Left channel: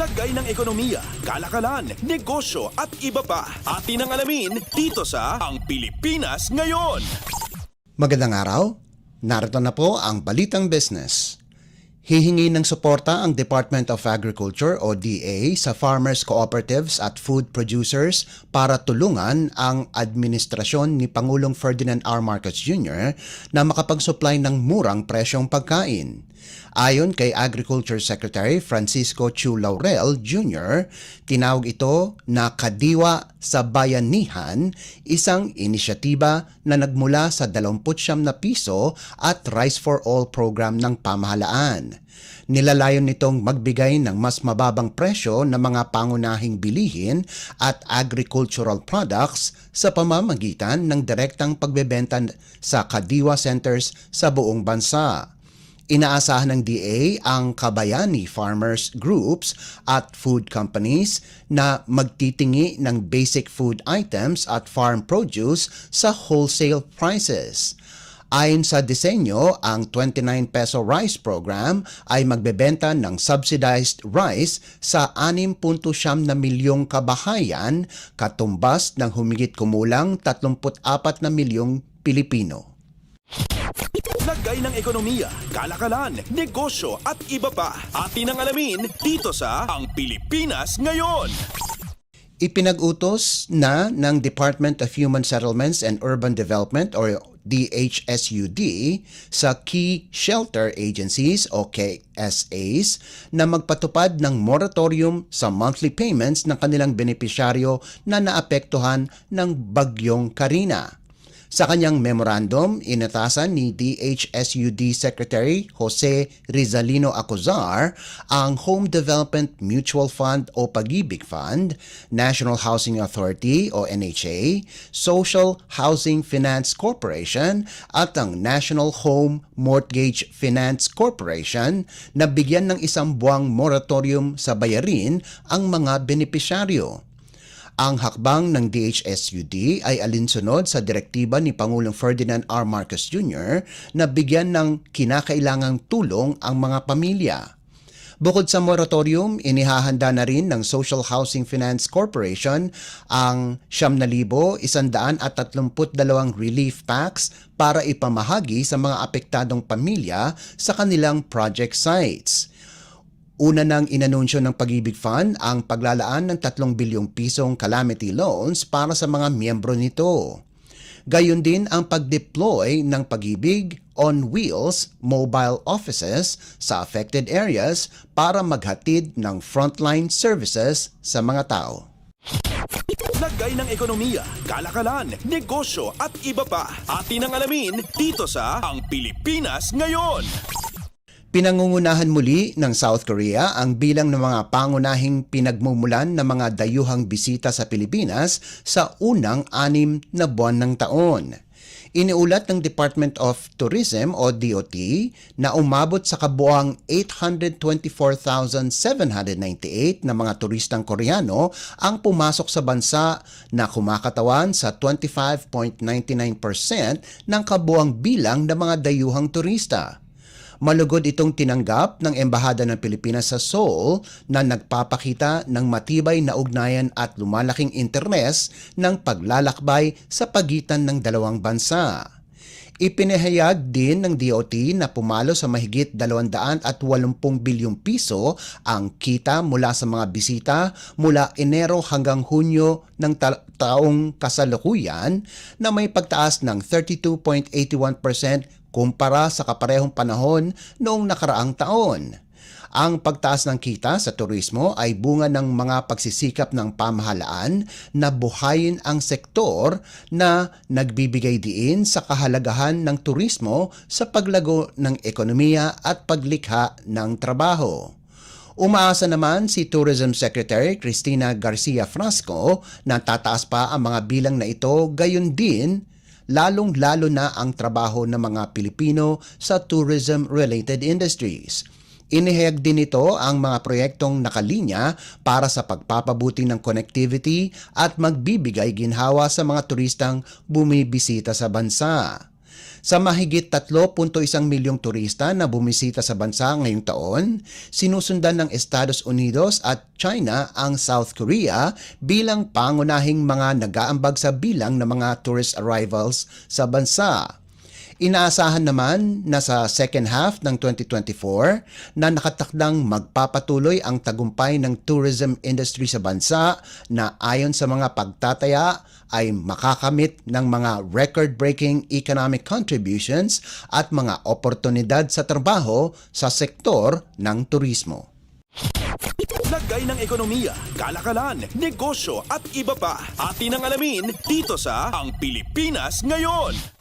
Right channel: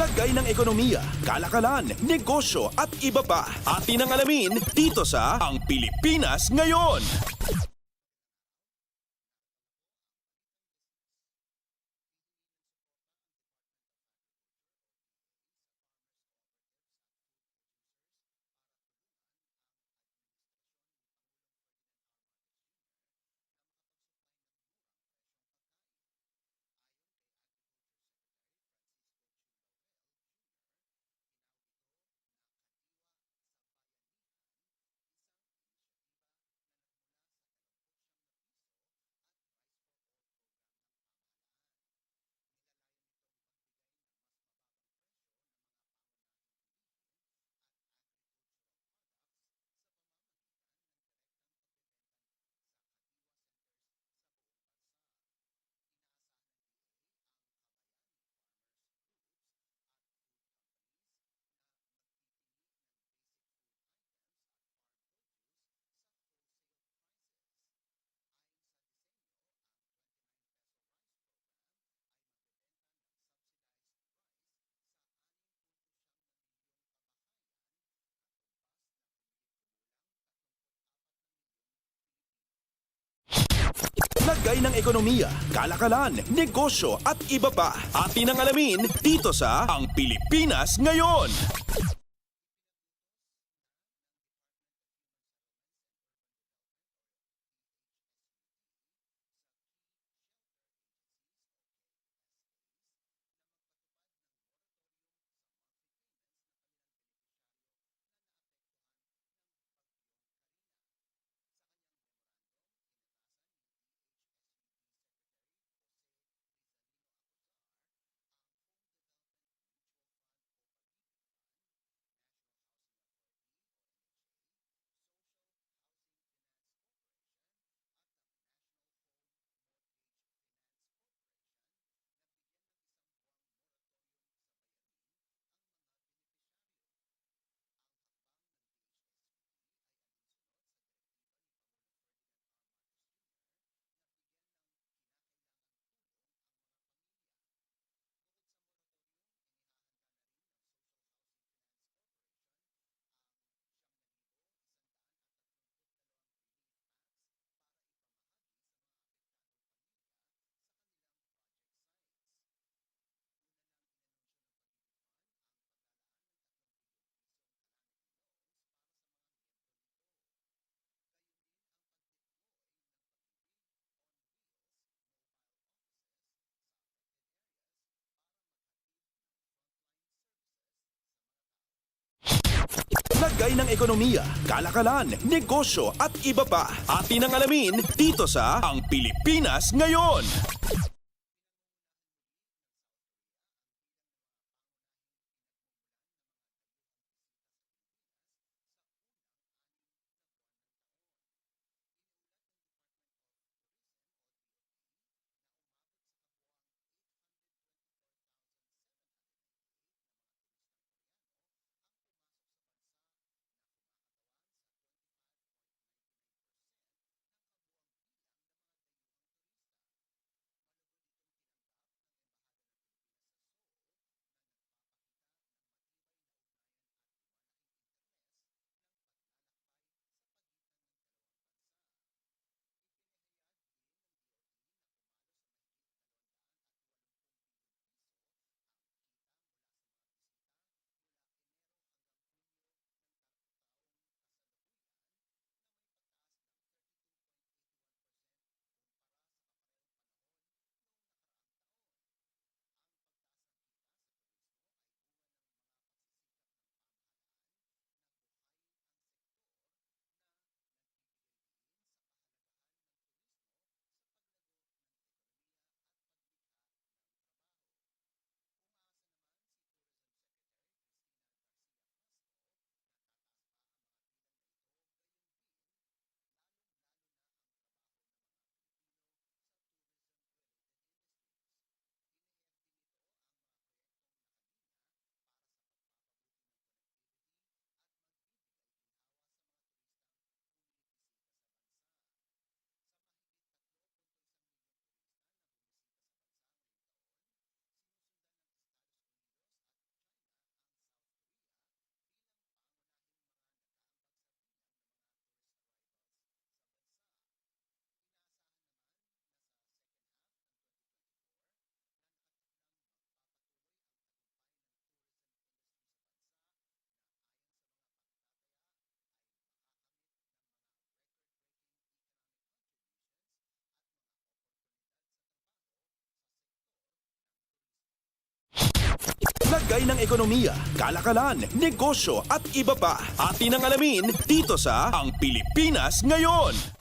Lagay ng ekonomiya, kalakalan, negosyo at iba pa. Atin ang alamin dito sa Ang Pilipinas Ngayon. Magandang araw, narito na po ang Balitang Business. Hihingi ng suporta ang Department of Agriculture o DA sa farmers cooperatives at food producers para tulungan ang administrasyon ni Pangulong Ferdinand R. Marcos Jr. na makapag-supply ng murang presyong pagkain. Ayon kay Agriculture Secretary Francisco Chu Laurel Jr., tinawag ito na Kadiwa sa Bayanihan, isang inisyatiba na nagmula sa 29 na piso at Rice for All program ng pamahalaan. Nilalayon nitong magbigay ng mas mababang presyo ng mga pangunahing bilihin at agricultural products sa pamamagitan ng direktang pagbebenta sa Kadiwa Centers sa buong bansa. Inaasahan ng DA ang kabayani farmers groups at food companies na magtitingi ng basic food items at farm produce sa wholesale prices. Ayon sa disenyo, ang 29 peso rice program ay magbebenta ng subsidized rice sa 6.9 na milyong kabahayan, katumbas ng humigit kumulang 34 na milyong Pilipino. Lagay ng ekonomiya, kalakalan, negosyo at iba pa. Atin ang alamin dito sa Ang Pilipinas Ngayon. Ipinag-utos na ng Department of Human Settlements and Urban Development o DHSUD sa Key Shelter Agencies o KSAs na magpatupad ng moratorium sa monthly payments ng kanilang benepisyaryo na naapektuhan ng Bagyong Karina. Sa kanyang memorandum, inatasan ni DHSUD Secretary Jose Rizalino Acuzar ang Home Development Mutual Fund o Pag-ibig Fund, National Housing Authority o NHA, Social Housing Finance Corporation at ang National Home Mortgage Finance Corporation na bigyan ng isang buwang moratorium sa bayarin ang mga benepisyaryo. Ang hakbang ng DHSUD ay alinsunod sa direktiba ni Pangulong Ferdinand R. Marcos Jr. na bigyan ng kinakailangang tulong ang mga pamilya. Bukod sa moratorium, inihahanda na rin ng Social Housing Finance Corporation ang 9,132 relief packs para ipamahagi sa mga apektadong pamilya sa kanilang project sites. Una nang inanunsyo ng Pag-ibig Fund ang paglalaan ng 3 bilyong pisong calamity loans para sa mga miyembro nito. Gayon din ang pag-deploy ng Pag-ibig on Wheels mobile offices sa affected areas para maghatid ng frontline services sa mga tao. Lagay ng ekonomiya, kalakalan, negosyo at iba pa. Atin ang alamin dito sa Ang Pilipinas Ngayon. Pinangungunahan muli ng South Korea ang bilang ng mga pangunahing pinagmumulan ng mga dayuhang bisita sa Pilipinas sa unang 6 na buwan ng taon. Iniulat ng Department of Tourism o DOT na umabot sa kabuuang 824,798 na mga turistang Koreano ang pumasok sa bansa na kumakatawan sa 25.99% ng kabuuang bilang ng mga dayuhang turista. Malugod itong tinanggap ng Embahada ng Pilipinas sa Seoul na nagpapakita ng matibay na ugnayan at lumalaking interes ng paglalakbay sa pagitan ng dalawang bansa. Ipinahayag din ng DOT na pumalo sa mahigit 280 bilyong piso ang kita mula sa mga bisita mula Enero hanggang Hunyo ng taong kasalukuyan na may pagtaas ng 32.81% kumpara sa kaparehong panahon noong nakaraang taon. Ang pagtaas ng kita sa turismo ay bunga ng mga pagsisikap ng pamahalaan na buhayin ang sektor na nagbibigay diin sa kahalagahan ng turismo sa paglago ng ekonomiya at paglikha ng trabaho. Umaasa naman si Tourism Secretary Cristina Garcia Frasco na tataas pa ang mga bilang na ito, gayon din lalong-lalo na ang trabaho ng mga Pilipino sa tourism-related industries. Inihayag din ito ang mga proyektong nakalinya para sa pagpapabuti ng connectivity at magbibigay ginhawa sa mga turistang bumibisita sa bansa. Sa mahigit 3.1 milyong turista na bumisita sa bansa ngayong taon, sinusundan ng Estados Unidos at China ang South Korea bilang pangunahing mga nag-aambag sa bilang ng mga tourist arrivals sa bansa. Inaasahan naman na sa second half ng 2024 na nakatakdang magpapatuloy ang tagumpay ng tourism industry sa bansa na ayon sa mga pagtataya ay makakamit ng mga record-breaking economic contributions at mga oportunidad sa trabaho sa sektor ng turismo. Lagay ng ekonomiya, kalakalan, negosyo at iba pa. Atin ang alamin dito sa Ang Pilipinas Ngayon.